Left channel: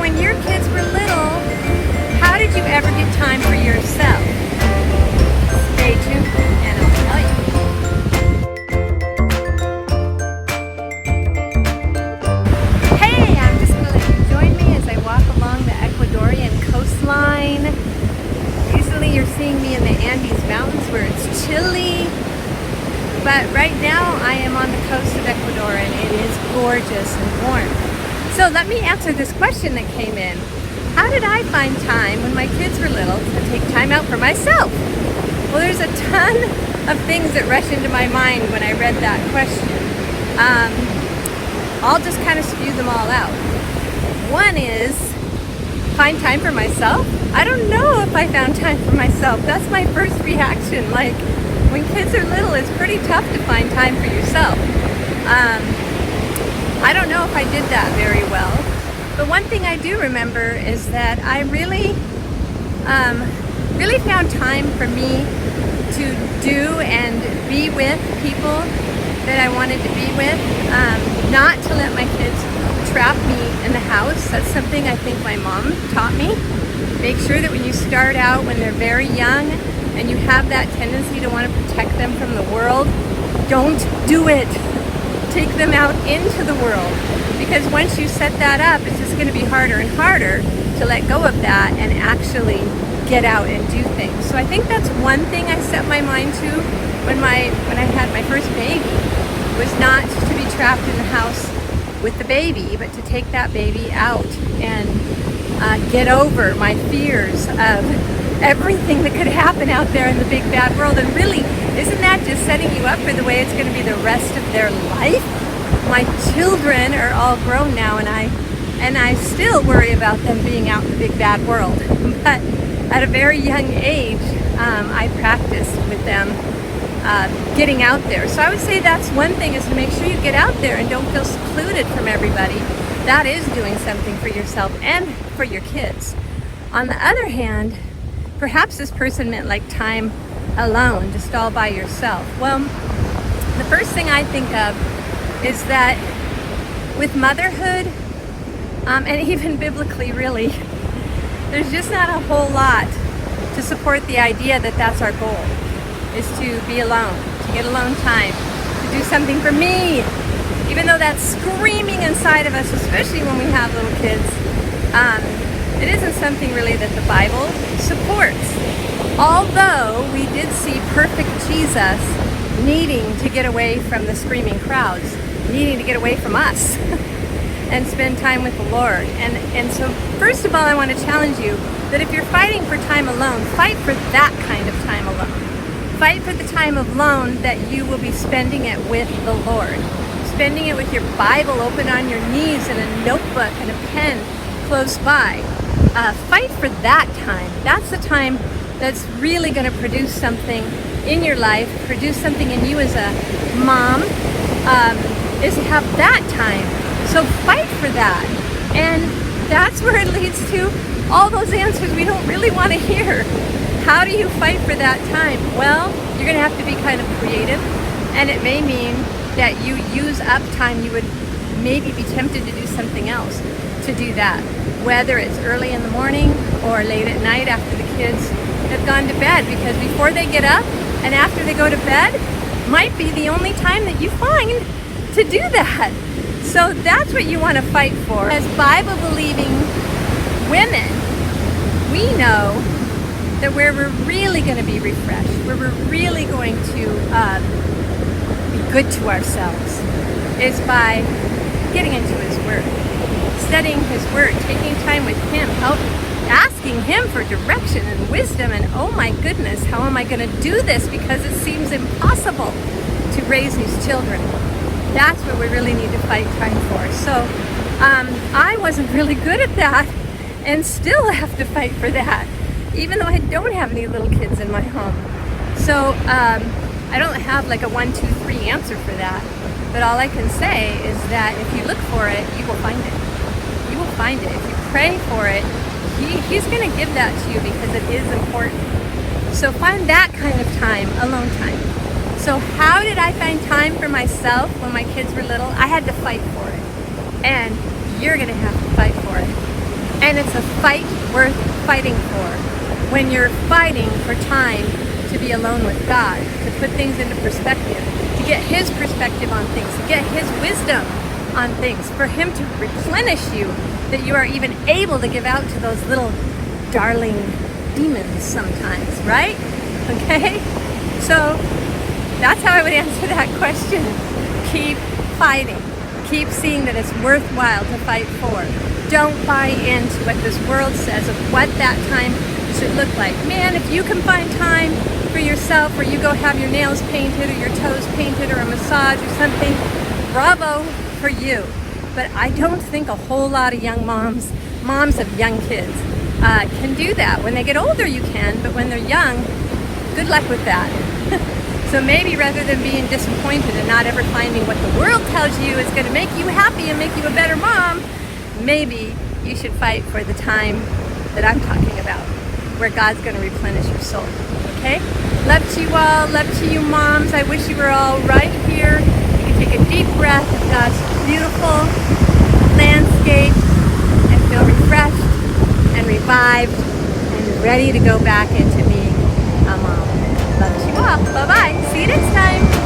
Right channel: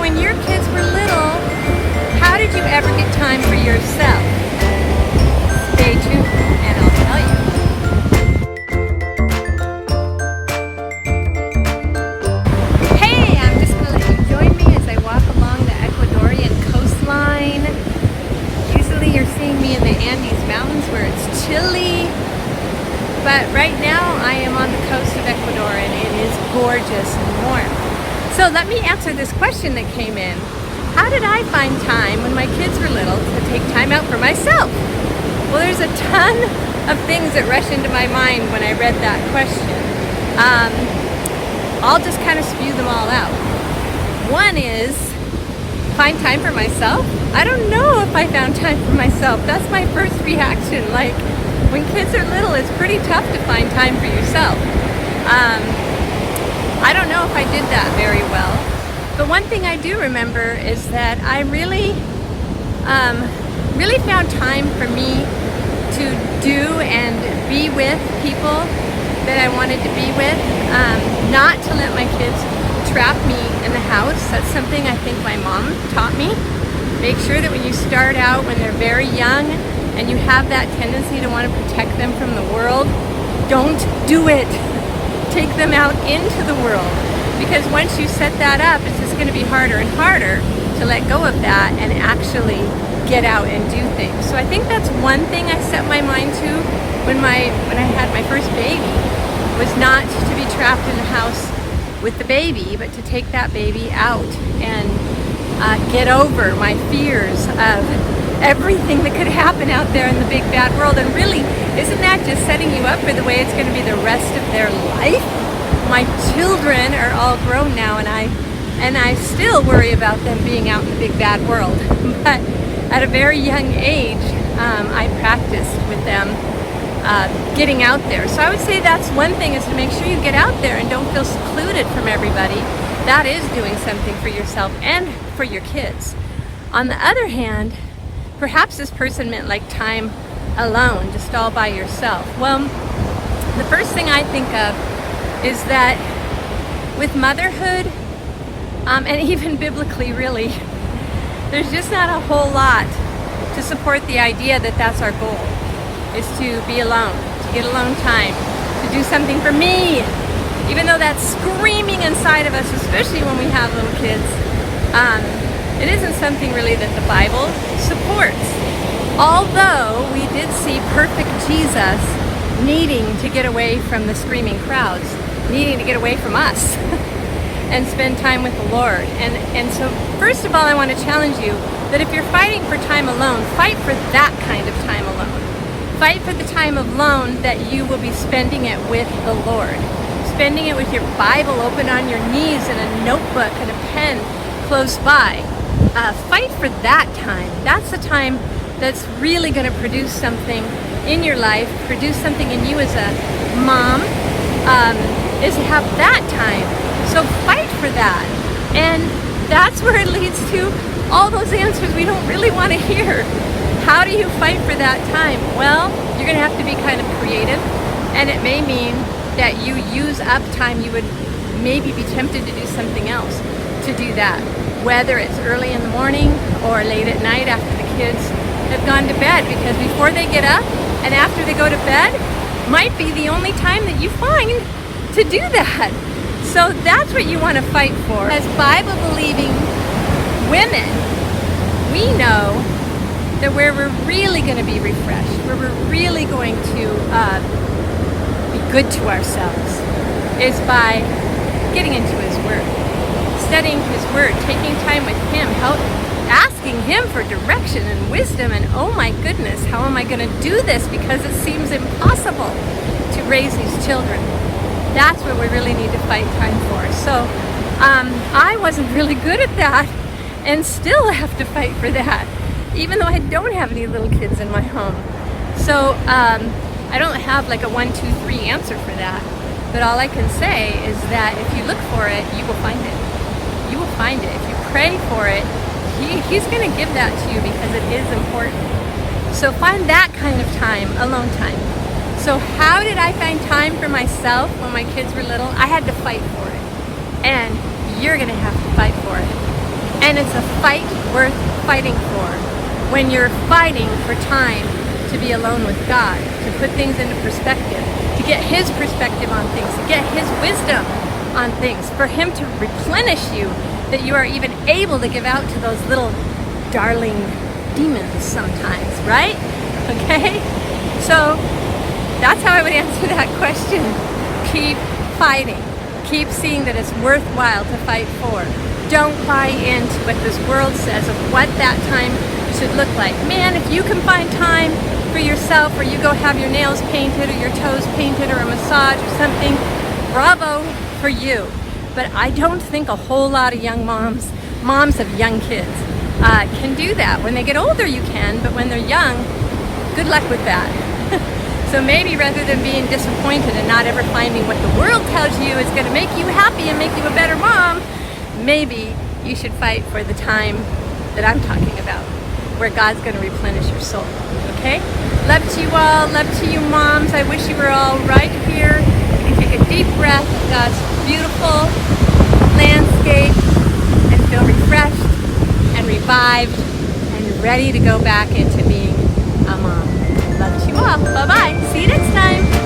So when your kids were little, how did you ever get time for yourself? Stay tuned and I'll tell you. Hey, I'm just going to let you join me as I walk along the Ecuadorian coastline. Usually you're seeing me in the Andes Mountains where it's chilly. But right now I am on the coast of Ecuador and it is gorgeous and warm. So let me answer this question that came in. How did I find time when my kids were little to take time out for myself? Well, there's a ton of things that rush into my mind when I read that question. I'll just kind of spew them all out. One is find time for myself. I don't know if I found time for myself. That's my first reaction. Like, when kids are little, it's pretty tough to find time for yourself. I don't know if I did that very well. But one thing I do remember is that I really found time for me to do and be with people that I wanted to be with. Not to let my kids trap me in the house. That's something I think my mom taught me. Make sure that when you start out, when they're very young, and you have that tendency to want to protect them from the world, don't do it. Take them out into the world, because once you set that up, it's just going to be harder and harder to let go of that and actually get out and do things. So I think that's one thing I set my mind to when I had my first baby, was not to be trapped in the house with the baby, but to take that baby out and get over my fears of everything that could happen out there in the big bad world. And really, isn't that just setting you up for the way it's going to be the rest of their life? My children are all grown now, and I still worry about them being out in the big bad world. But at a very young age, I practiced with them getting out there. So I would say that's one thing, is to make sure you get out there and don't feel secluded from everybody. That is doing something for yourself and for your kids. On the other hand, perhaps this person meant like time alone, just all by yourself. Well, the first thing I think of is that with motherhood, and even biblically really, there's just not a whole lot to support the idea that that's our goal, is to be alone, to get alone time, to do something for me. Even though that's screaming inside of us, especially when we have little kids, it isn't something really that the Bible supports. Although we did see perfect Jesus needing to get away from the screaming crowds, needing to get away from us and spend time with the Lord. And so first of all, I want to challenge you that if you're fighting for time alone, fight for that kind of time alone. Fight for the time alone that you will be spending it with the Lord. Spending it with your Bible open on your knees and a notebook and a pen close by. Fight for that time. That's the time that's really going to produce something in your life, produce something in you as a mom, is to have that time. So fight for that. And that's where it leads to all those answers we don't really want to hear. How do you fight for that time? Well, you're going to have to be kind of creative, and it may mean that you use up time you would maybe be tempted to do something else to do that. Whether it's early in the morning or late at night after the kids have gone to bed, because before they get up and after they go to bed might be the only time that you find to do that. So that's what you want to fight for. As Bible-believing women, we know that where we're really going to be refreshed, where we're really going to be good to ourselves, is by getting into His Word. Studying His Word, taking time with Him, asking Him for direction and wisdom, and oh my goodness, how am I going to do this, because it seems impossible to raise these children. That's what we really need to fight time for. So I wasn't really good at that, and still have to fight for that, even though I don't have any little kids in my home. So I don't have like a 1, 2, 3 answer for that, but all I can say is that if you look for it, you will find it. You will find it. If you pray for it, He's going to give that to you, because it is important. So find that kind of time, alone time. So how did I find time for myself when my kids were little? I had to fight for it. And you're going to have to fight for it. And it's a fight worth fighting for. When you're fighting for time to be alone with God, to put things into perspective, to get His perspective on things, to get His wisdom on things, for Him to replenish you, that you are even able to give out to those little darling demons sometimes, right? Okay? So that's how I would answer that question. Keep fighting. Keep seeing that it's worthwhile to fight for. Don't buy into what this world says of what that time should look like. Man, if you can find time for yourself, or you go have your nails painted or your toes painted or a massage or something, bravo for you. But I don't think a whole lot of young moms of young kids can do that. When they get older you can, but when they're young, good luck with that. So maybe rather than being disappointed and not ever finding what the world tells you is going to make you happy and make you a better mom, maybe you should fight for the time that I'm talking about, where God's going to replenish your soul. Okay? Love to you all. Love to you moms. I wish you were all right here. You can take a deep breath of God's beautiful landscape and feel refreshed and revived and ready to go back into being a mom. Love to you all. Bye-bye. See you next time.